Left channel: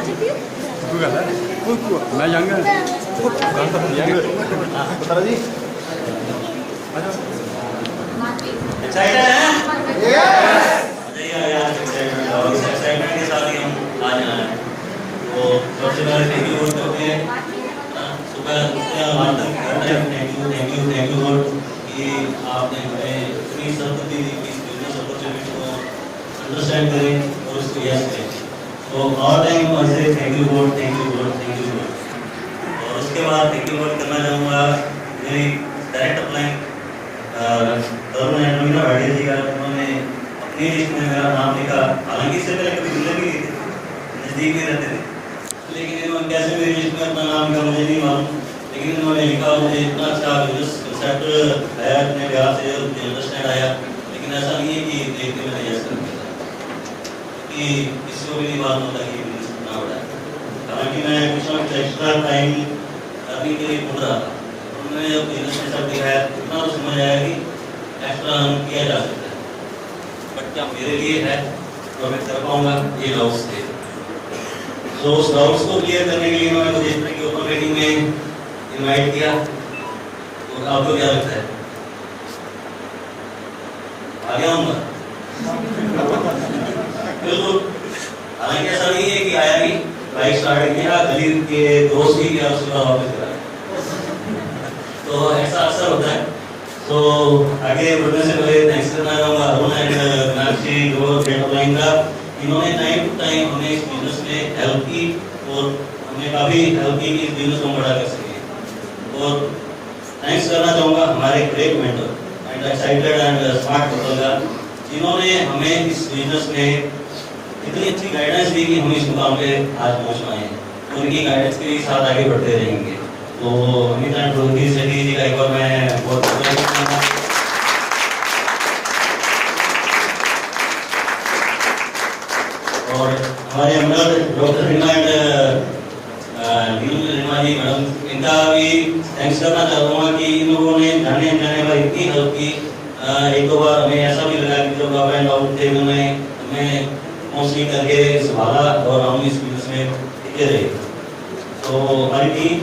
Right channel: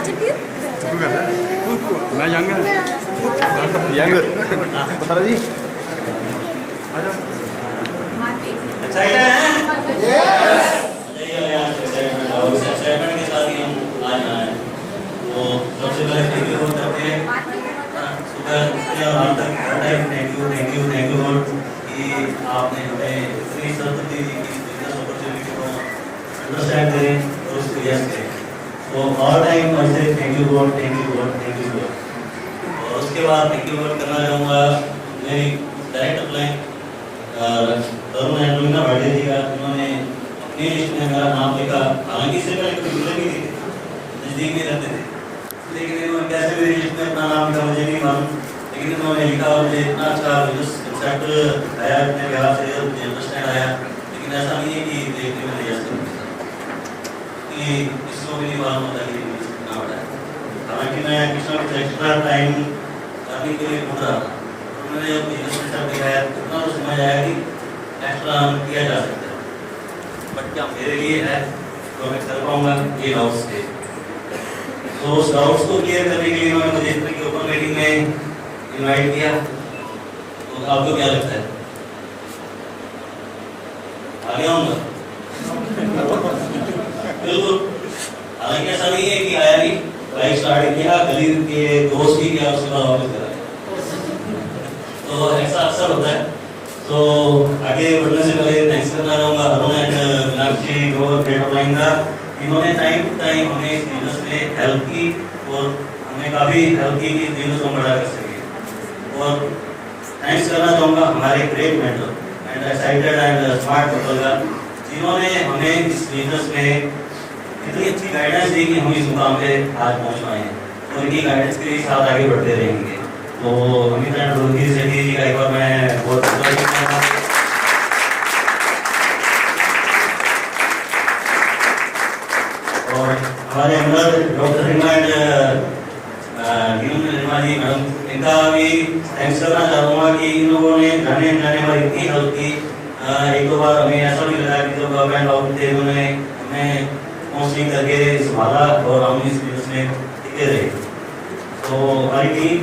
Excited हैं? Excitement के साथ ही हम आज आए हैं। तो सबसे पहले थैंक यू बोल करते हैं, सुबह उठते हैं और तक थैंक यू गॉड कि आपने हमें इतनी सख्त दी कि बिजनेस अपॉर्चुनिटी को अंडरस्टैंड करें और इसको यस करें। तो ऑल टाइम आई से थैंक यू गॉड। और उसके बाद थैंक यू गॉड करना चाहूँगा मेरी डायरेक्ट अप्लाई तरुण एंड्रोइना भाटिया जी का, जिन्होंने अपनी लिस्ट में मेरा नाम लिखा। हालांकि इससे पहले कभी मिले भी नहीं थे, नज़दीक भी रहते थे, लेकिन इन्होंने कैसे मेरी लिस्ट में अपना नाम लिखा मुझे नहीं मालूम, लेकिन इन्होंने लिखा। मुझे इतना अच्छा बिजनेस कंसेप्ट आया इतने प्यार से, मुझे अंडरस्टैंड आया। लेकिन ऐसा नहीं है कि देख के मैंने यस कर दिया, कि इसको भी नहीं मालूम होता कि बिजनेस कितना बड़ा है। हालांकि मैं कुछ ना कुछ एक्स्ट्रा टाइम करने के लिए ढूंढ रहा था। उन्होंने जब बिजनेस कंसेप्ट दिखाया इतना तो समझ आया कि एक्स्ट्रा हम किया जा सकता है, बट क्या मेरे लिए है तो मैं कर पाऊंगा, ये डाउट्स थे। तो उस डाउट्स को क्लियर करने के लिए उन्होंने मुझे इस तरह की ओपन मीटिंग में इनवाइट किया। तो आपको क्या लगता है, आ गया हूँ? बिल्कुल। हालांकि ऐसा नहीं है कि आया नहीं, बाइक स्टार्ट किया, गली के दोस्त की क्या, उसके बाद वापस करा। तो ऐसा अक्सर होता है। तो आगे बढ़ने से पहले थैंक्स करना चाहूँगा अरुण एंड मीनाक्षी जो फ्रेंड ऑफलाइन का। इन्होंने टाइम टू टाइम हमें इस बिजनेस में हेल्प की और हमें काफ़ी हेल्प की कि इस बिजनेस को बड़ा कर सके। और थैंक्स करना चाहूँगा हमारे great mentor and excited and smart people का, जिन्होंने हमें इस बिजनेस में इतनी अच्छी गाइडेंस दी कि हम इस मुकाम पे आज पहुँच पाए हैं। उनकी गाइडेंस के साथ आगे बढ़ते रहेंगे। तो अमित एंड रोहित सेठी जी का एक बार मैं बहुत और हमारे अंदर doctor Reema and Reema ji madam, इनका भी थैंक्स करना चाहूँगा कि इन लोगों ने जाने अनजाने पर इतनी हेल्प की। एक दो बार हमें ऐसा भी लगा कि जब अप एंड डाउन थे, उन्होंने हमें काउंसलिंग करके संभाला और हम इस बिजनेस में टिके रहे। तो हमारी टीम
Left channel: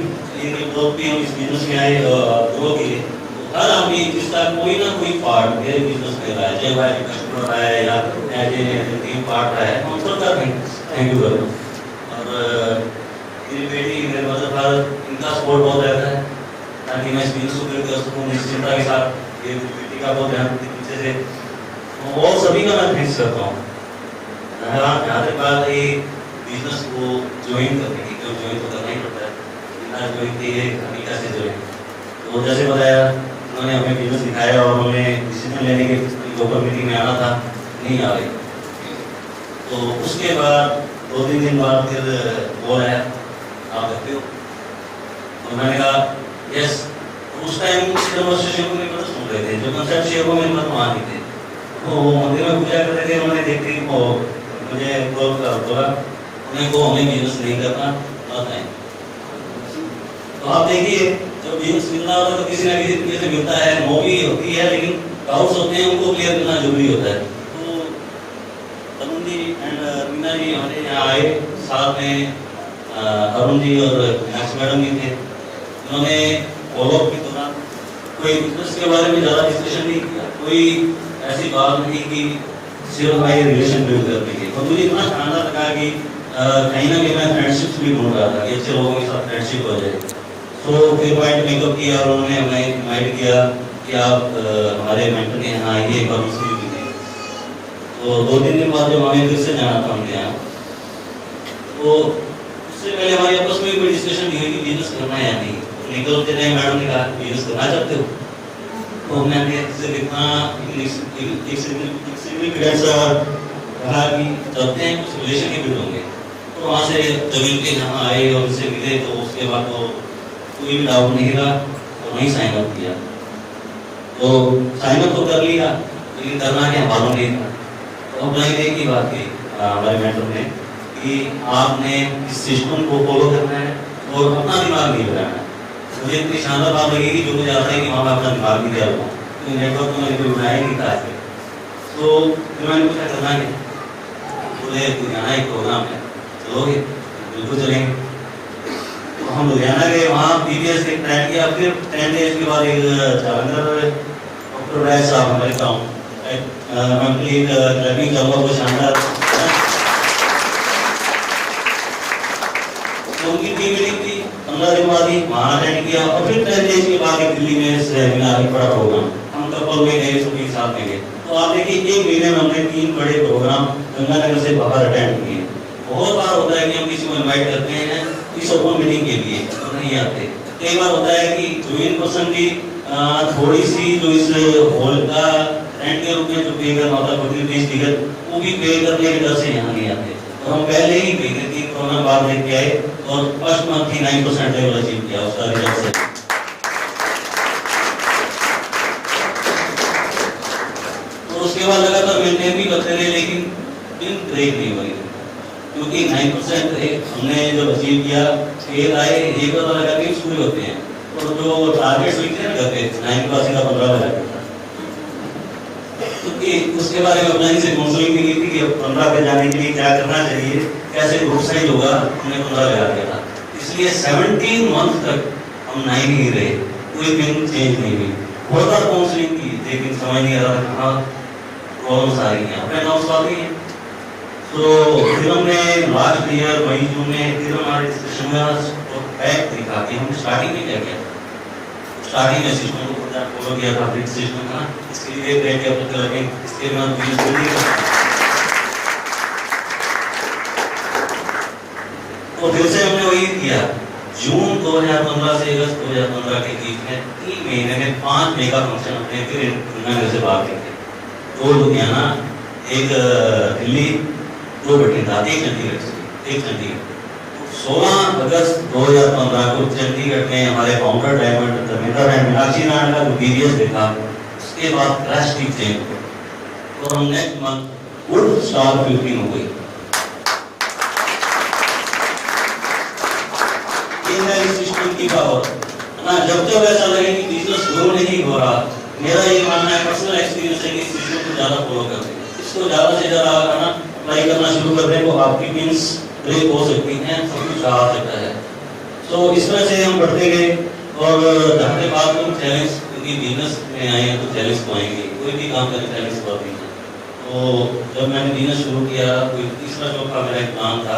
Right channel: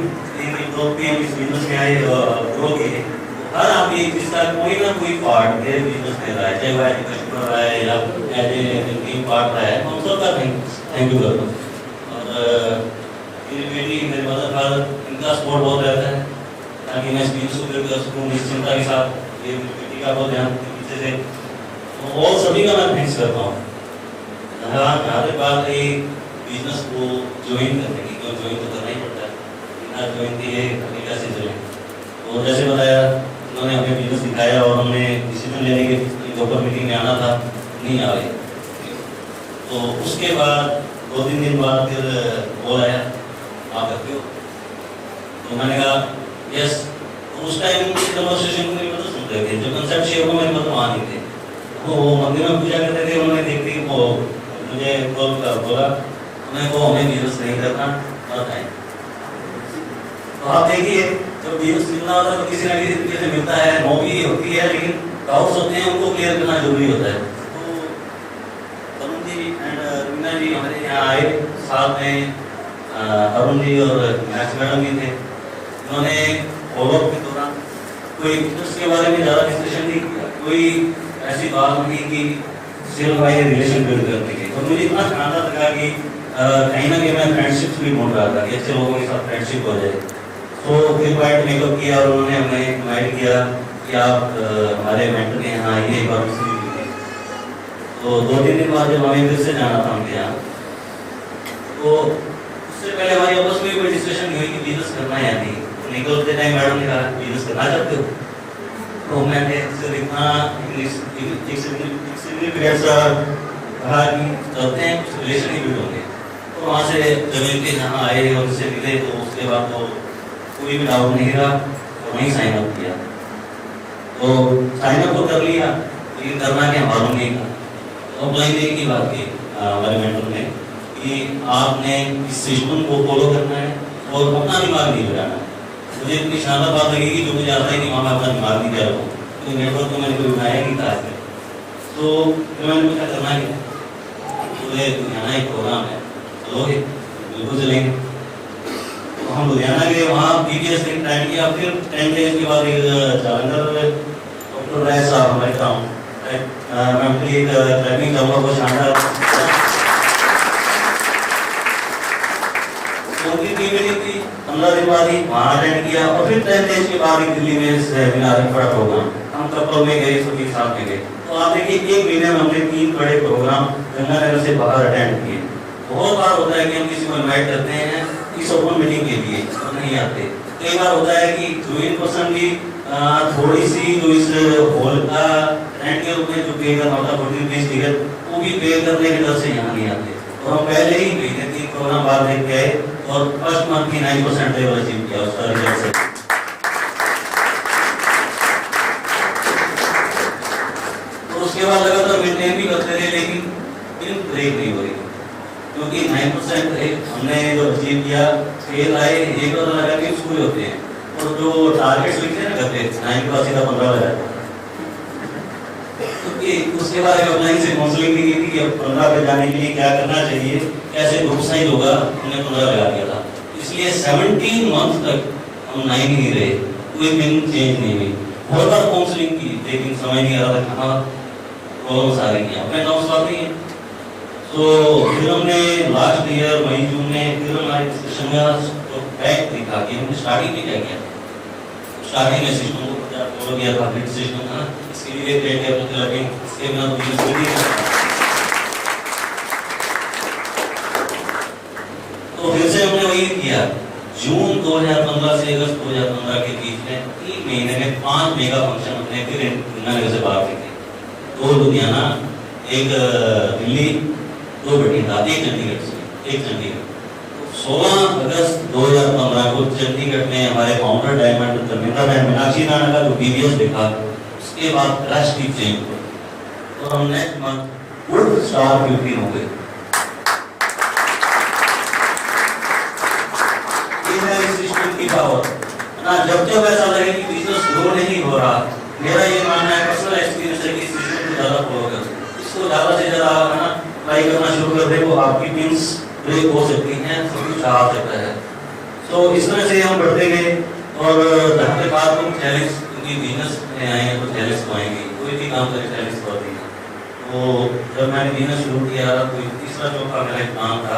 ग्रोथ भी हम इस बिजनेस में आए, ग्रो किए। हर आदमी जिसका कोई ना कोई पार्ट मेरे बिजनेस में रहा है, चाहे वह कस्टमर रहा है या एज ए टीम पार्ट रहा है, हम सबका थैंक यू करो। और मेरी बेटी मेरे मदर फादर, इनका सपोर्ट बहुत रहता है ताकि मैं इस बिजनेस को लेकर सकूँ निश्चिंता के साथ। ये बेटी का बहुत ध्यान पीछे से, और सभी का मैं थैंक्स करता हूँ। जहाँ तक बात है बिजनेस को ज्वाइन करने की, जो ज्वाइन तो करना ही पड़ता है, बिना ज्वाइन किए अभी कैसे ज्वाइन। तो जैसे बताया, उन्होंने हमें बिजनेस सिखाया और हमें डिसीजन लेने के लोकल मीटिंग में आना था, नहीं आ रहे। तो उसके बाद 2-3 दिन बाद फिर बोल आया, आप करते हो? तो मैंने कहा यस। तो उस टाइम कन्वर्सेशन को मेरे मतलब सुन रहे थे, जो कंसेप्ट शेयर को मेरे मतलब वहाँ नहीं थे। तो मंदिर में पूजा करते थे, उन्होंने देखते ही मुझे बोला उन्हें को हमें बिजनेस नहीं करना, मत आए। तो आप देखिए, जब बिजनेस मिलना होता है तो किसी ना किसी तरीके से मिलता है, नो भी होती है, लेकिन डाउट्स होते हैं, उनको क्लियर करना जरूरी होता है। तो तरुण जी एंड रीना जी हमारे यहाँ आए, साथ में अरुण जी और मीनाक्षी मैडम भी थे। उन्होंने फॉलोअप के दौरान कोई बिजनेस के बारे में ज़्यादा डिस्कशन नहीं किया, कोई ऐसी बात नहीं कि सिर्फ भाई रिलेशन बिल्ड करने की। और मुझे इतना शानदार लगा कि कहीं ना कहीं मैं फ्रेंडशिप भी ढूंढ रहा था कि अच्छे लोगों के साथ फ्रेंडशिप हो जाए। तो फिर पॉइंट मेकअप किया और उन्होंने हमें इन्वाइट किया कि आप हमारे मेंटर के यहाँ आइए, एक बार उनसे भी मिलिए। तो 2-3 दिन बाद जब हमें फिर से जाना था उनके यहाँ, तो उससे पहले हमारी आपस में कोई डिस्कशन नहीं हुई कि बिजनेस करना है या नहीं। तो निकलते टाइम मैडम ने कहा बिजनेस करना चाहते हो? तो मैंने सिर्फ इतना सिग्निफिकेंस कहा कि चलते हैं, कुछ रिलेशन ही बिल्ड होंगे। तो वहाँ से जमीन के यहाँ आए और उनसे मिले, तो उसके बाद तो कोई भी डाउट नहीं रहा, तो वहीं साइन अप किया। तो साइन अप तो कर लिया, लेकिन करना क्या मालूम नहीं था। तो अब मैंने एक ही बात की हमारे मेंटर ने कि आपने इस सिस्टम को फॉलो करना है और अपना दिमाग नहीं लगाना है। मुझे इतनी शानदार बात लगी कि जो मुझे आता है कि वहाँ मैं अपना दिमाग नहीं कर रहा हूँ, तो नेटवर्क को मैंने बनाया कि कहा है। तो मैंने पूछा करना है, बोले यहाँ एक प्रोग्राम है, चलोगे? बिल्कुल चलेंगे। तो हम लुधियाना गए, वहाँ प्रीवियस एक ट्रायल किया, फिर 10 डेज के बाद एक जालंधर डॉक्टर राय साहब हमारे गाँव मैं उनके लिए क्लबिंग चाहूँगा, वो शानदार उनकी टीम मीटिंग थी, 15 दिन बाद ही वहाँ अटेंड किया, और फिर 10 डेज के बाद दिल्ली में सेमिनार में बड़ा प्रोग्राम हम कपल में गए, सभी साथ में गए। तो आप देखिए 1 महीने में हमने 3 बड़े प्रोग्राम गंगानगर से बाहर अटेंड किए। बहुत बार होता है कि हम किसी को इन्वाइट करते हैं इस ओपन मीटिंग के लिए तो नहीं आते। कई बार होता है कि जो इन पर्सन की थोड़ी सी जो इस हॉल का रेंट के रूप में जो पे करना होता है 40 टिकट, वो भी पे करने के डर से यहाँ नहीं आते। और हम पहले ही देखे 3 प्रोग्राम बाद देख के आए और फर्स्ट मंथ की 9% लेवल अचीव किया उसका रिजल्ट से। तो उसके बाद लगातार मेंटेन भी करते रहे, लेकिन दिन ब्रेक नहीं हो रही, क्योंकि 9% हमने जो अचीव किया, फेल आए, एक बार लगा के स्कूल होते हैं, और जो टारगेट्स लिखते हैं ना करते 9 का सीधा 15 हो जाता है। तो उसके बारे में ऑनलाइन से काउंसलिंग भी की थी कि 15 पे जाने के लिए क्या करना चाहिए, कैसे ग्रुप साइज होगा, हमने 15 लगा दिया था। इसलिए 17 मंथ तक हम 9 ही रहे, कोई दिन चेंज नहीं हुई। बहुत बार काउंसलिंग की, लेकिन समझ नहीं आ रहा था कहाँ प्रॉब्लम्स आ रही हैं, अपने नॉर्म्स आती हैं। तो फिर हमने लास्ट ईयर मई जून में फिर हमारे डिस्कशन में तो फैक्ट दिखा कि हमने स्टार्टिंग में क्या किया। स्टार्टिंग में सिस्टम को फॉलो किया था, फिर सिस्टम का इसके लिए ट्रेड डेवलप लगे, इसके बाद बिजनेस बिल्डिंग। तो फिर से हमने वही किया, जून 2015 से अगस्त 2015 के बीच में 3 महीने में 5 मेगा फंक्शन हमने फिर गंगानगर से बाहर किए, 2 लुधियाना, 1 दिल्ली, 2 बठिंडा, 1 चंडीगढ़ से, 1 चंडीगढ़। 16 अगस्त 2015 को चंडीगढ़ में हमारे founder diamond Dharmendra and Meenakshi Rana का जो टीवीएस देखा, उसके बाद ड्रास्टिक चेंज और हम नेक्स्ट मंथ वुड स्टार 15 हो गई। सिस्टम की पावर ना, जब ऐसा लगे कि बिजनेस ग्रो नहीं हो रहा, मेरा ये मानना है, पर्सनल एक्सपीरियंस है कि इस सिस्टम को ज्यादा फॉलो करते हैं, इसको ज्यादा से ज्यादा अप्लाई करना शुरू कर दें, वो आपकी मीन्स ब्रेक हो सकती हैं, सब कुछ आ सकता है। तो इस तरह से हम बढ़ते गए, और धरने बाद हम चैलेंज, क्योंकि बिजनेस में आए हैं तो चैलेंज तो आएंगे, कोई भी काम करें चैलेंज तो आती है। तो जब मैंने बिजनेस शुरू किया, कोई तीसरा चौथा मेरा एक काम था,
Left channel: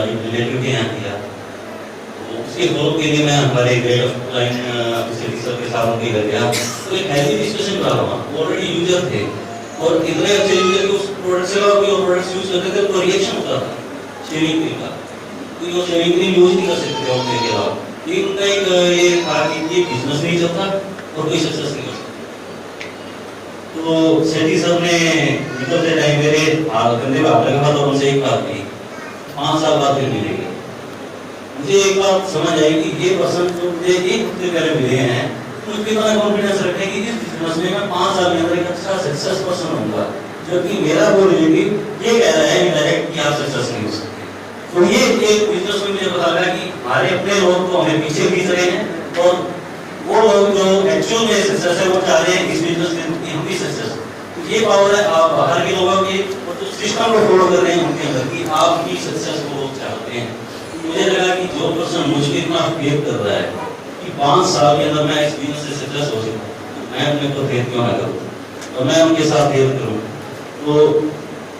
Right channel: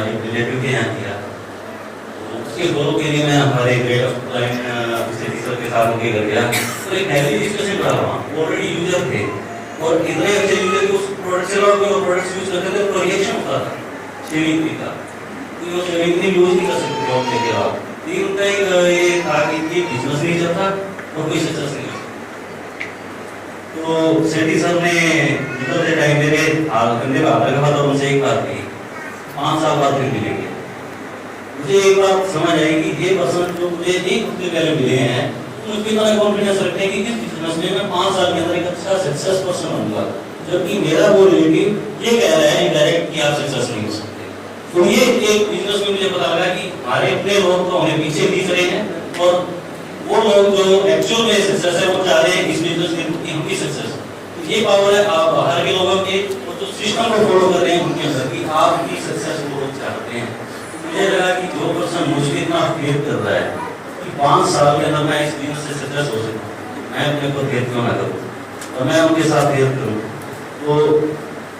एक रिलेटिव के यहाँ किया, उसके फॉलो के लिए मैं हमारे ग्रेड ऑफ लाइन ऑफिसर के साथ उनके घर गया, तो एक हेल्दी डिस्कशन करा था, ऑलरेडी यूजर थे, और इतने अच्छे यूजर कि उस प्रोडक्ट से और कोई प्रोडक्ट्स यूज करते थे तो रिएक्शन होता था शेविंग क्रीम का, कोई वो शेविंग क्रीम यूज नहीं कर सकते थे अपने के अलावा। लेकिन उनका एक ये था कि ये बिजनेस नहीं चलता और कोई सक्सेस नहीं कर सकता। तो सेठी सर ने निकलते टाइम मेरे कंधे पे हाथ रखा था, उनसे एक बात कही, 5 साल बाद फिर मिलेंगे। मुझे एक बात समझ आई कि ये पर्सन जो मुझे 1 हफ्ते पहले मिले हैं, मुझ पर इतना कॉन्फिडेंस रखने की इस बिजनेस में मैं 5 साल के अंदर एक अच्छा सक्सेस पर्सन होऊंगा, जबकि मेरा वो रिलेटिव ये कह रहा है इनडायरेक्ट कि आप सक्सेस नहीं हो सकते। तो ये एक बिजनेस में मुझे पता लगा कि हमारे अपने लोग तो हमें पीछे खींच रहे हैं, और वो लोग जो एक्चुअल में सक्सेस है वो चाह रहे हैं इस बिजनेस के हम भी सक्सेस। तो ये पावर है आप बाहर के लोगों की, और जो सिस्टम को फॉलो कर रहे हैं उनके अंदर की, आप भी सक्सेस वो लोग चाहते हैं। मुझे लगा कि जो पर्सन मुझ पर इतना फेथ कर रहा है कि 5 साल के अंदर मैं इस बिजनेस से सक्सेस हो सकता हूँ, तो मैं अपने ऊपर फेथ क्यों ना करूँ, और मैं उनके साथ फेथ करूँ। तो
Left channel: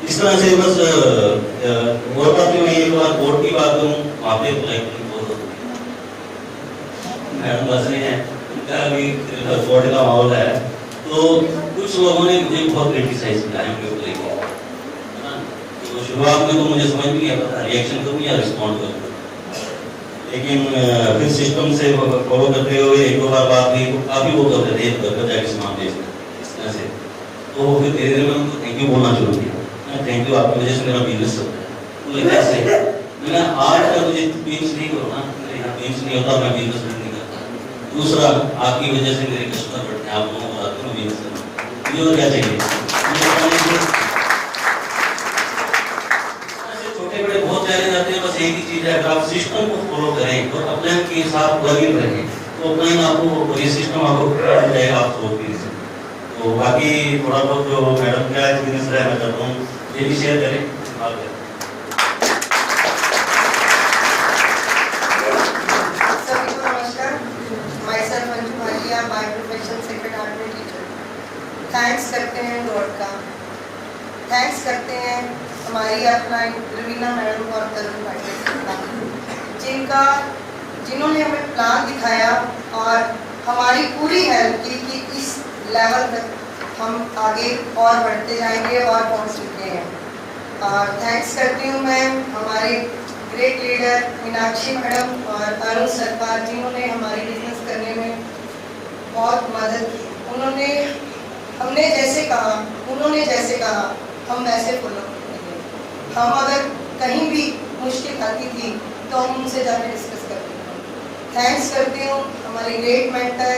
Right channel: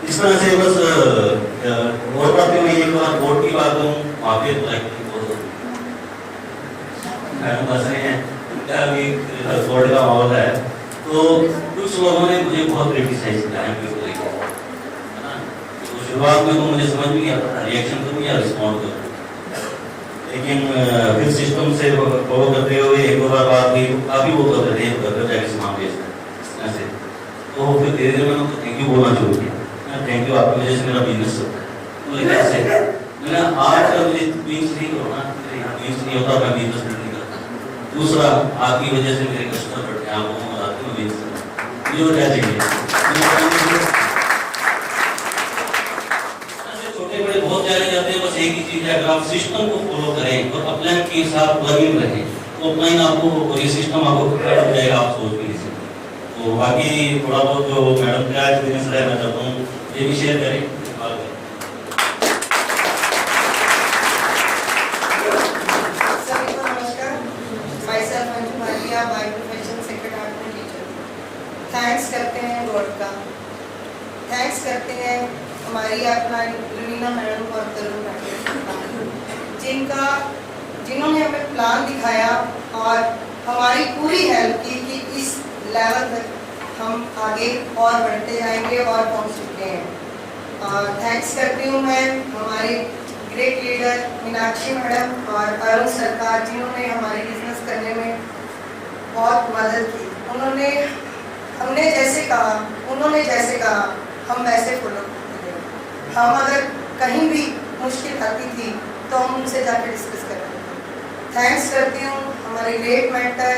इस तरह से बस और बात में एक बार बोर्ड की बात करूँ, वहाँ पे मैडम बस रहे हैं, अभी बोर्ड का माहौल है, तो कुछ लोगों ने मुझे बहुत क्रिटिसाइज किया है उनके ऊपर, है ना। तो शुरुआत में तो मुझे समझ नहीं आता रिएक्शन करूँ या रिस्पॉन्ड करूँ, लेकिन फिर सिस्टम से फॉलो करते हुए 1-2 बार बात की, काफ़ी वो करते थे इस मामले से, इस तरह से। तो फिर धीरे धीरे मैंने उनको थैंक यू बोलना शुरू किया, थैंक यू, आपकी वजह से मेरा बिजनेस चलता है। तो कैसे मैंने आज का मुझे पिंच नहीं करो ना, मेरे यहाँ पिंच नहीं होता, मैं बिजनेस नहीं करता। दूसरा, आपकी वजह से मेरे कस्टमर बढ़ते हैं, आप लोगों को मैं बिजनेस करता हूँ, मुझे क्या चाहिए। छोटे बड़े बहुत चैलेंज आते हैं, बस एक ही चीज़ है, अगर आप सिस्टम को फॉलो करें और अपने के साथ वर्किंग रहें, तो अपना ही आपको ये सिस्टम आपको मिल जाएगा, आप सोच भी नहीं सकते। तो बाकी थोड़ा बहुत जो मैडम का एक्सपीरियंस है मैं चाहता हूँ ये भी शेयर करें। थैंक्स करते हैं गॉड का, थैंक्स करते हैं हमारी अपना रवीना मैडम और तरुण मैडम जिन्होंने हमें प्लान दिखाया और हमारी पूरी हेल्प की कि इस लेवल तक हम आगे और बढ़ते जाएंगे और पहुंच चुके हैं। और थैंक्स करती हूँ मैं हमारे ग्रेट लीडर मीनाक्षी मैडम और अरुण सरकार जिन्होंने हमारे बिजनेस करने में बहुत मदद की। उन्होंने जैसे कहा हम वैसे फॉलो करते थे। हम अगर कहीं भी मुश्किल आती थी तो हम उनसे जाकर डिस्कस करते थे। थैंक्स करती हूँ हमारे great mentor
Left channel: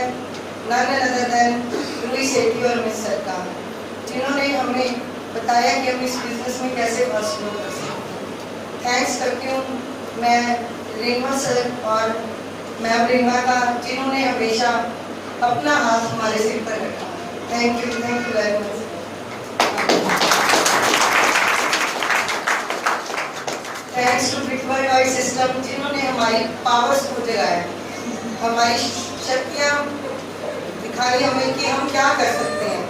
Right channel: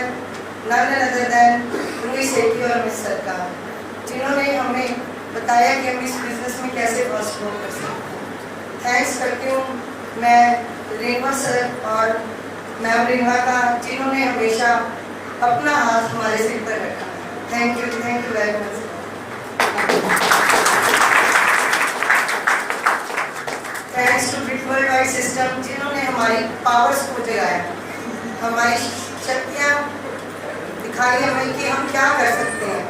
none other than Ruhi Sethi और मिस सरकार जिन्होंने हमें बताया कि हम इस बिजनेस में कैसे फर्स्ट ग्रो कर सकते हैं। थैंक्स करती हूँ मैं रेणुआ सर और मैम रेणुआ का जिन्होंने हमेशा अपना हाथ हमारे सिर पर रखा। Thank you very much. Thanks to Brickworld wide system जिन्होंने हमारी पावर्स को जगाया, हमारी शक्तियाँ दिखाई हमें कि हम क्या कर सकते हैं।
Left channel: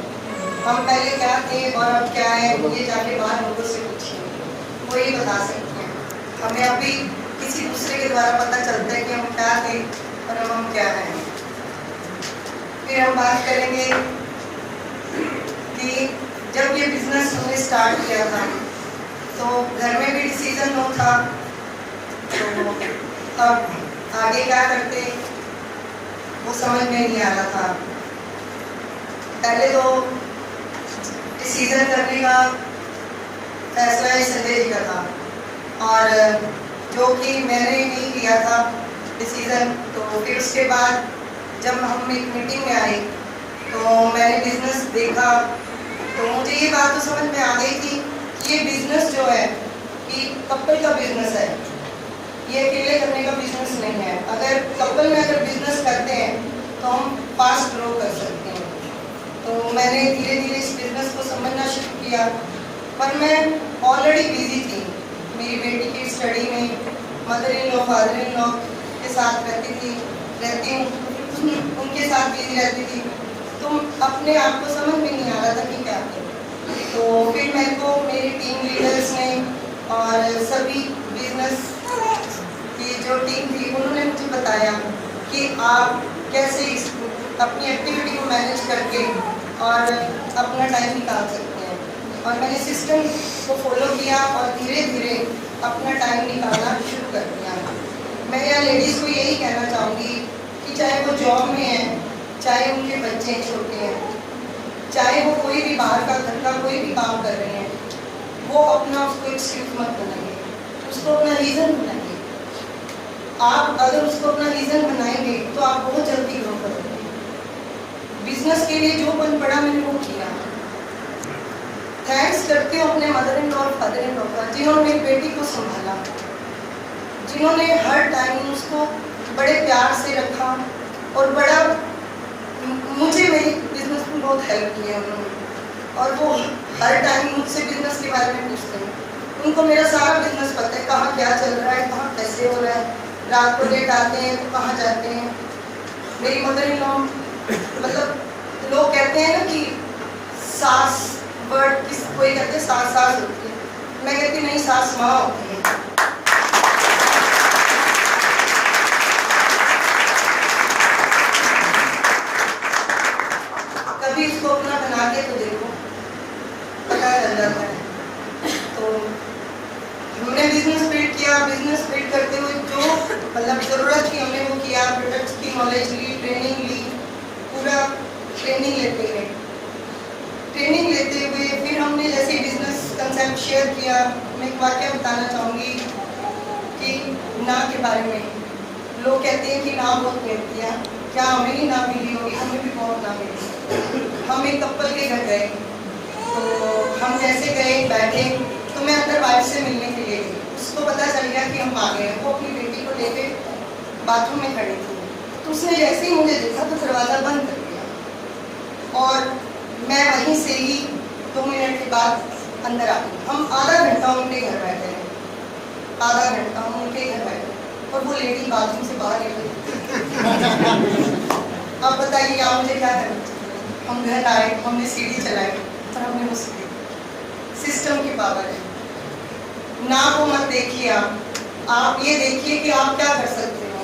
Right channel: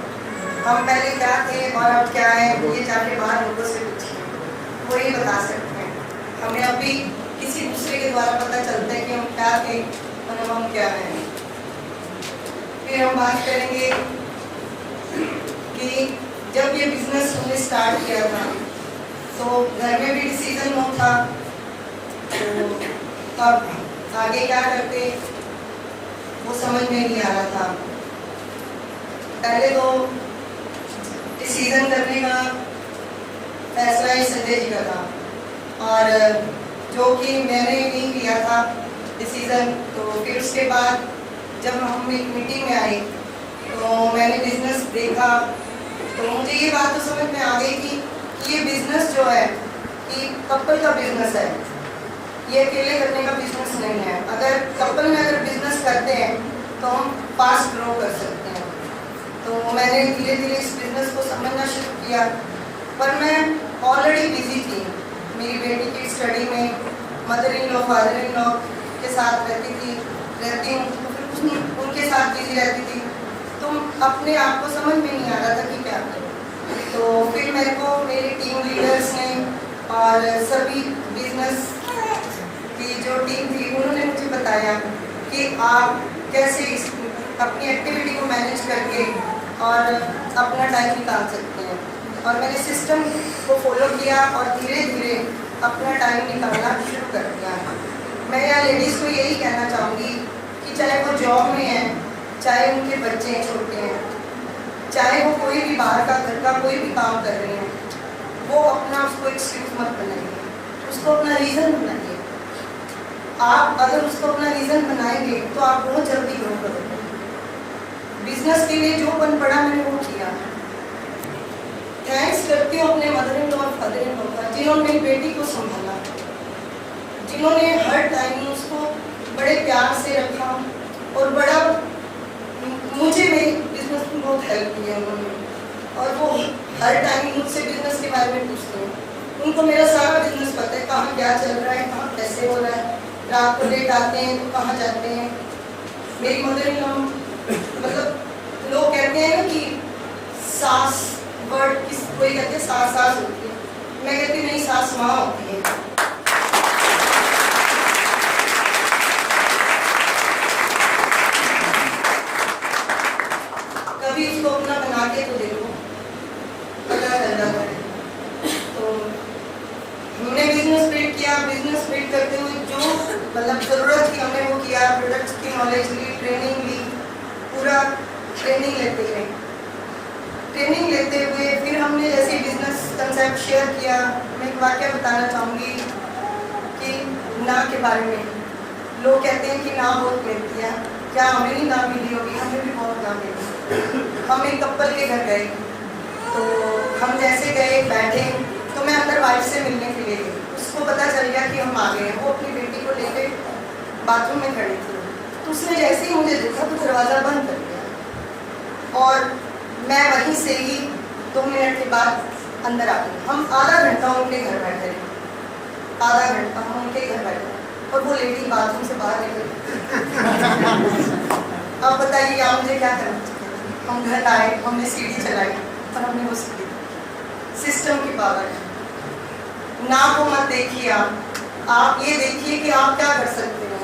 हम पहले क्या थे और अब क्या है, ये जाके बाहर लोगों से पूछिए, वो ये बता सकते हैं। हमें अभी किसी दूसरे के द्वारा पता चलता है कि हम क्या थे और अब हम क्या हैं। फिर हम बात करेंगे कि जब ये बिजनेस हमने स्टार्ट किया था तो घर में भी डिसीजन नो था, तो अब आगे क्या करते वो समझ में नहीं आ रहा था। पहले तो डिसीजन करने का फैसला संजय जी का था और जो कि मैंने नहीं लिया था डिसीजन। तो फिर उसके बाद जब हम एक मीटिंग में आए तो मैंने बिजनेस देखा तो मुझे ये बात तो समझ में आ गई थी कि ये बिजनेस जो है कि कपल का बिजनेस है, ये अकेले करने का बिजनेस नहीं है। अगर कपल में अगर बिजनेस करते हैं तो हम फास्ट ग्रो कर सकते हैं। तो मैंने धीरे धीरे इस बिजनेस को समझना शुरू किया, पर मैं ऑलरेडी बिजी थी मेरी बेटी की स्टडी में, mother in law father in law के साथ रहती हूँ, उनके साथ बिजी रहती थी। तो अपने आप को समझ में नहीं आ रहा था कि क्या करूँ। तो फिर मेरे को मेरी टीम लीडर्स ने और सभी बिजनेस की जो टीम थी उन्होंने मुझे बताया कि आप कैसे अपनी एक्टिविटी को मैनेज करके और अपना टाइम निकाल सकते हैं। और मैंने सिस्टम को फॉलो किया और धीरे धीरे अपना टाइम निकालना शुरू कर दिया। मैं यहाँ लेडीज़ को यही कहना चाहूँगी कि चाहे वो जॉब में है, चाहे उनके बच्चे छोटे हैं, चाहे वो कोई भी बाहर का घर का कोई भी काम कर रहे हैं, वो अपना उसको एक्सक्यूज मत बनाइए, उसको अपना रीज़न बनाइए। आप अगर उसको अपना रीज़न बनाएंगे तो आप बहुत जल्दी ग्रो करोगे। बिजनेस के लिए जो बन पड़ा मैंने वो किया। थैंक्स करती हूँ अपने मदर इन लॉ और फादर इन लॉ का जिन्होंने मेरी बेटी को संभाला, जिन्होंने हर टाइम उसको बड़े प्यार से रखा और बड़ा मुझे मेरे बिजनेस में बहुत हेल्प किया उन्होंने। और वो हर टाइम मुझसे बिजनेस के बारे में पूछते हैं। उनको मेरा सारा बिजनेस पता है, कहाँ क्या चल रहा है, कहाँ कैसे हो रहा है। रात को लेट आते हैं तो कहाँ जाते हैं। मेरी मदर इन लॉ मतलब लोग कहते हैं ना कि सास वर्ड किस कोई कहते हैं सास होती है, मैं कहती नहीं, सास माँ होती है। कभी इसको अपना बना के तो देखो, पता चल जाता है। तो हमने बिजनेस बिल्ड किया, बिजनेस बिल्ड करते हुए जो मतलब ज़रूरत थी हमने वो किया, प्रोडक्ट्स की नॉलेज ली, ट्रेनिंग ली, पूरा ट्रेनिंग लेते हुए फिर हमने जैसे बिजनेस कंसेप्ट शेयर किया। मैं एक वाक्य बताना चाहूँगी कि ना के बारे में। लोग कहते हैं कि ना बहुत मिलती है, क्या हमें नहीं ना मिली होगी? हमें भी बहुत ना मिली। हम एक कपल के घर गए तो हम जैसे गए बैठे तो मैं अंदर वाइफ से मिलने के लिए गई। उसको पता चल गया कि हम आ गए हैं। वो अपनी बेटी को लेके बाथरूम में खड़ी थी, तो उसने जैसे ही मुझे देखा तो दरवाज़ा बंद कर दिया और मैं वहीं से ही 2 मिनट के बाद अंदर आ गई। हम आधा घंटा उनके घर बैठे, आधा घंटा हम उनके घर बैठे और वो लेडी बाथरूम से बाहर निकली। अब बताइए आप मुझे क्या करना? हम घर आए, हमने सीढ़ी चलाई और हमने वो सीढ़ी, सिस्टम की पावर है। ना को मत देखिए, आप ये देखिए कि आप क्या कर सकते हो।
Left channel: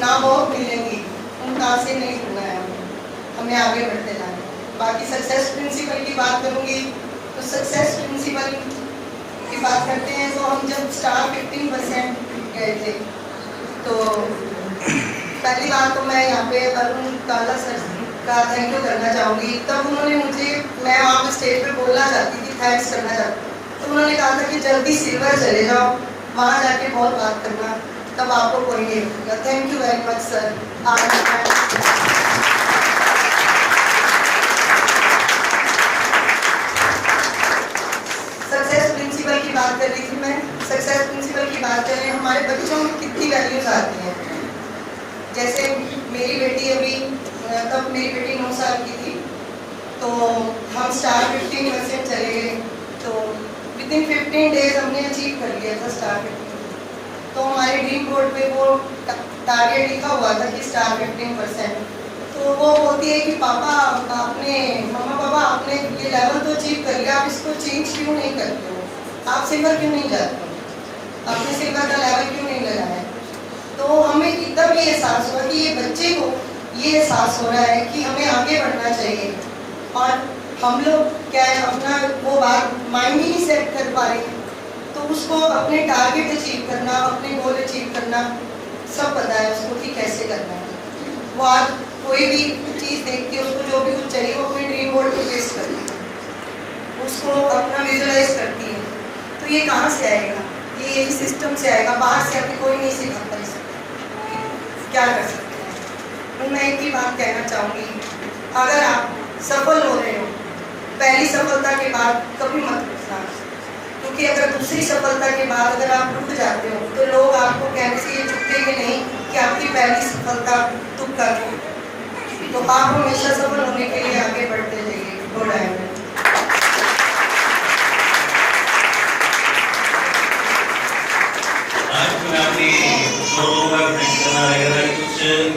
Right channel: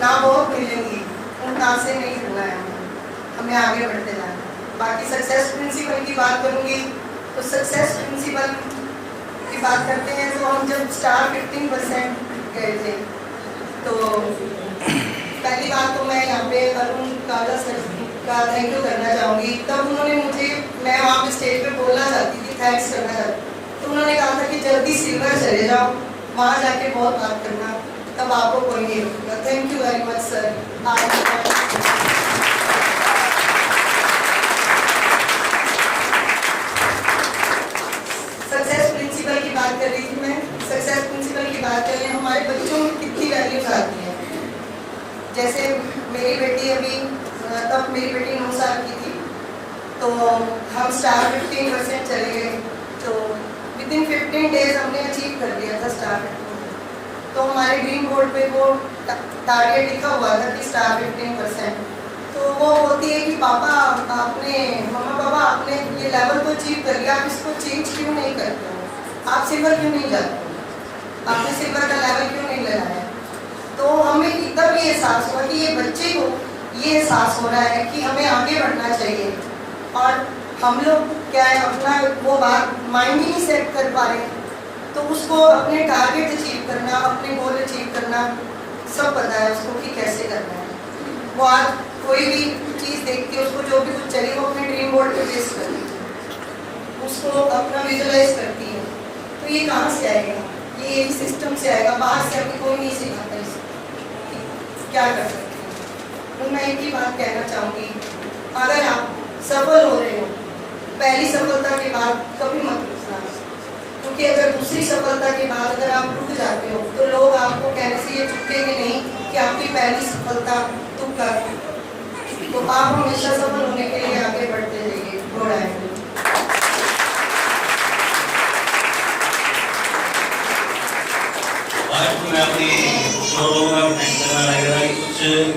ना बहुत मिलेंगी, उन ना से नहीं करना है, हमें आगे बढ़ते जाना है। बाकी सक्सेस प्रिंसिपल की बात करूँगी तो सक्सेस प्रिंसिपल की बात करते हैं तो हम जब स्टार 15% गए थे तो पहली बात तो मैं यहाँ पे अरुण काला सर का थैंक यू करना चाहूँगी। तब उन्होंने मुझे, मैं वहाँ पे स्टेज पे बोलना चाहती थी, थैंक्स करना चाहती, तो उन्होंने कहा था कि जल्दी सिल्वर चले जाओ, वहाँ जाके बहुत बात करना, तब आपको कोई नहीं रोकेगा। Thank you very much sir. Success principle की बात कर रही थी मैं, सक्सेस प्रिंसिपल की बात करें, हमारे बच्चों में कितनी वैल्यूज आती हैं। जैसे मेरी बेटी अभी, तब मेरी बेटी 9 साल की थी, तो हम स्टार 15% चले गए, तो विदिन 15 डेज हमने अचीव कर लिया था स्टार 15। तो हमारे ड्रीम बोर्ड पे वो टारगेट लिखा हुआ था कि स्टार 15%। तो वो बोलती है कि पापा आपने, मम्मा पापा आपने ये लेवल तो अचीव कर लिया, आप इसको चेंज क्यों नहीं करते हो, आप सिल्वर क्यों नहीं जाते हो, आपने सिल्वर का लेवल क्यों नहीं लगाया। तो हमें तब ये एहसास हुआ कि ये बच्चे को ये एहसास हो रहा है कि हमें आगे बढ़ना चाहिए, और हम लोग क्या है अपना वो बात माइंड ही नहीं सेट कर पा रहे, तो उसको अपने टारगेट अचीव करना, अपने गोल अचीव करना सब पता है उसको कि कैसे करना है। वो आज कोई भी चीज़ देखती है, उसको जो भी कुछ चाहिए वो अपने ड्रीम बोर्ड पे बेस करती है, उसको अपना विजुलाइज करती है। तो ये कहाँ से आएगा, ये सिस्टम से आएगा, बाहर से अभी कोई नहीं सिखाता इसे, क्या कर सकते हैं। तो मैं एक ही बात कहना चाहूँगी, अगर आप सफल हो रहे हो, पहली सफलता के बाद कभी मत रुकना, क्योंकि अगर दूसरी सफलता के बाद अगर आप रुक जाते हो तो लोग आपको कहने से ये चुकेंगे नहीं कि आपकी पहली सफलता तुक्का थी। तो आप हमेशा सफल होने के लिए आगे बढ़ते जाइए। Good afternoon. आज मैं अपनी लोगों का थैंक्स करना रहेगा कि कुछ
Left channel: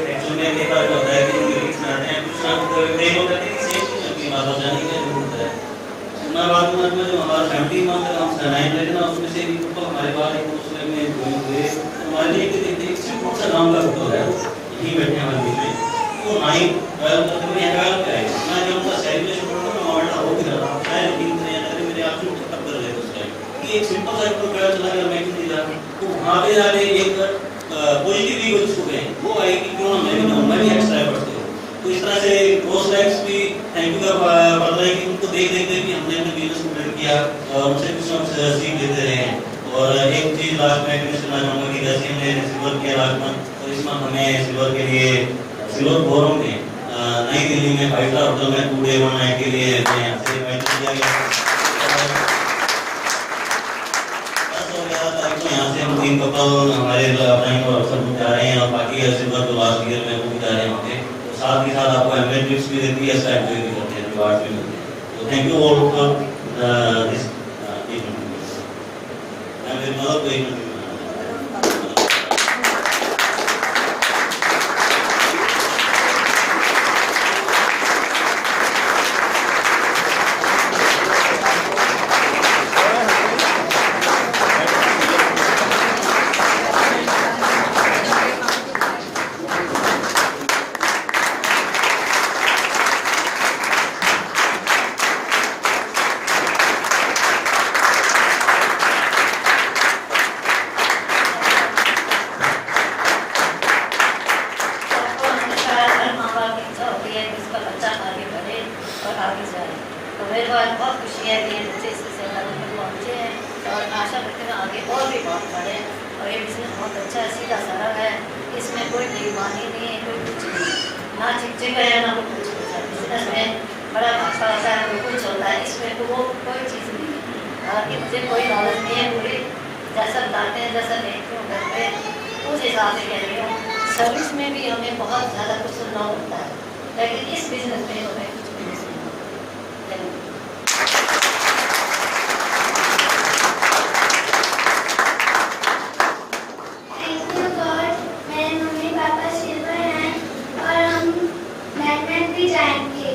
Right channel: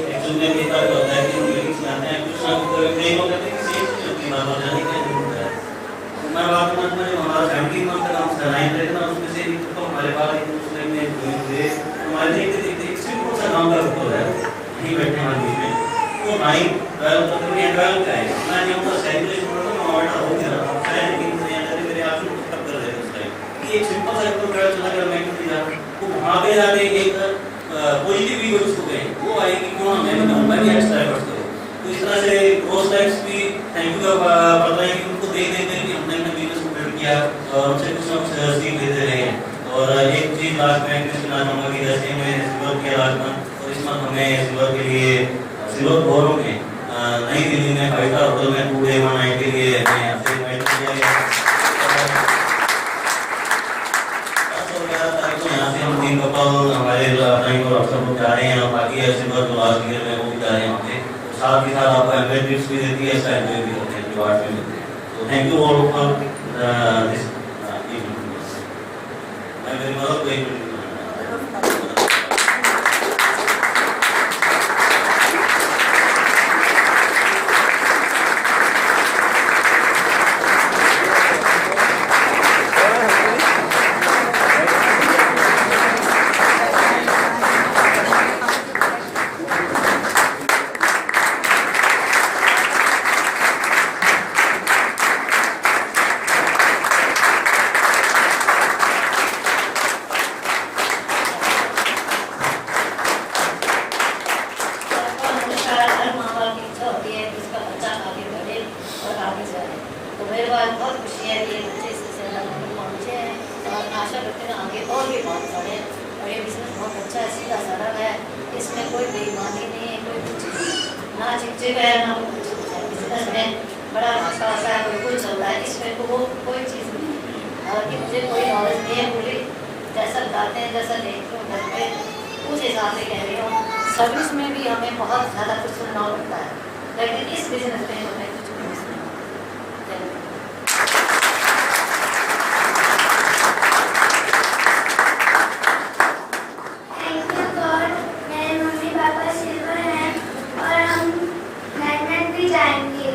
एक्चुअली में क्या होता है कि जो लिरिक्स में आते हैं कुछ ना कुछ नहीं होता है कि सेम चीज होती है, बात हो जाने की जरूरत है। मैं बात करूँ तो जो हमारा फैमिली मंथ हम सरनाइन रहे थे ना, उसमें से एक तो हमारे पास एक उस टाइम में हुए हमारे लिए एक सिंपल सा काम का होता है, यहीं बैठे हमारे बीच में, वो 9 12 तक में 12 का है। मैं जब उनका सेलिब्रेशन कर रहा था मैं ऑर्डर हो गया था, शायद लेकिन मेरे आप लोग तब कर रहे थे उस टाइम कि एक सिंपल सा एक ट्रायल चला कर मैं क्यों जा, तो वहाँ पे जाके एक पॉजिटिव वी जिसको कहें वो आई कि क्यों मैं भी कहूँ, मैं भी एक्स्ट्रा एफर्ट्स करूँ। तो इस तरह से क्रॉस लाइफ्स भी थैंक यू का पड़ रहा है कि उनको देख देख के भी हमने अपने बिजनेस को बिल्ड किया और उनसे कुछ ना कुछ सीख लेते रहे हैं। और एक चीज लास्ट में एडमिट करना चाहूँगा कि जैसे हमने सिल्वर किया लास्ट मंथ, और इस मंथ हमें सिल्वर के लिए सिल्वर फोरम में नई दिल्ली में 5 स्टार होटल में 2 डे 1 नाइट के लिए हमें यहाँ से इन्वाइट किया गया। यहाँ से हम 3 कपल हमारे टाइम और अफसर लोग जा रहे हैं, और बाकी सिल्वर जो लास्ट ईयर में वो भी जा रहे हैं वहाँ पे। तो साथ ही साथ आपको एम्बेड टिप्स भी देती है, इसका एंजॉय भी करते हैं, रिवार्ड भी मिलते हैं। तो thank you all for this event. मैं मेरी मदद को एक आगे जाए। तो मेरे पास बहुत खुशी है कि ये बच्चे इस लेवल पर पहुँचे हैं, और आशा करते हैं आगे और भी बहुत बढ़े। और ये बिजनेस बहुत अच्छा है, सीधा सरल है, इसमें कोई बेईमानी नहीं है, कोई कुछ नहीं, ना चिकचिक है ना कुछ होता है। बिजनेस में बड़ा भाषा होता है, कोई कुछ होता है, इसमें तो वो कोई चीज़ नहीं है। हालांकि मुझे कोई नॉलेज नहीं है, पूरी जैसा बताते हैं जैसा देखती हूँ घर पे उस हिसाब से कह रही हूँ। सर्विस में भी हमें बहुत ज़्यादा कुछ सुनना पड़ता है, लेकिन इस बिजनेस में हमें कुछ नहीं सुनना। थैंक यू गॉड, मेरे मम्मी पापा सिल्वर हैं और हम मैनेजमेंट भी जाएंगे।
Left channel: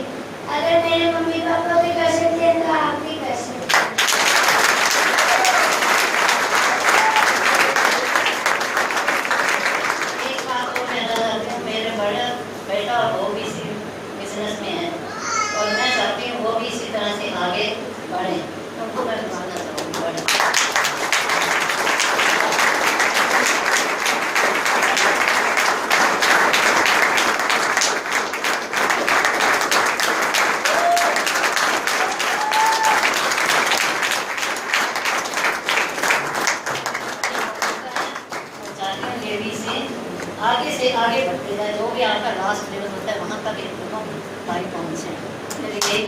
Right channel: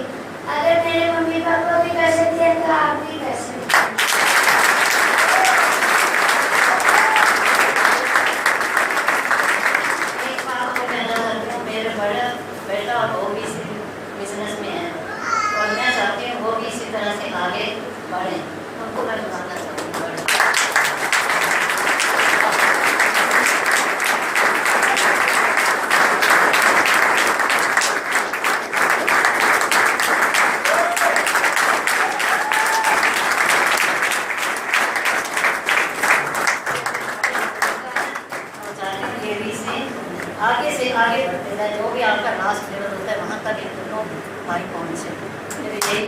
आगे से आगे बढ़ते रहे, जो भी आपका लास्ट लेवल होता है वहाँ तक ये दोनों भाई पहुँचे। मेरी यही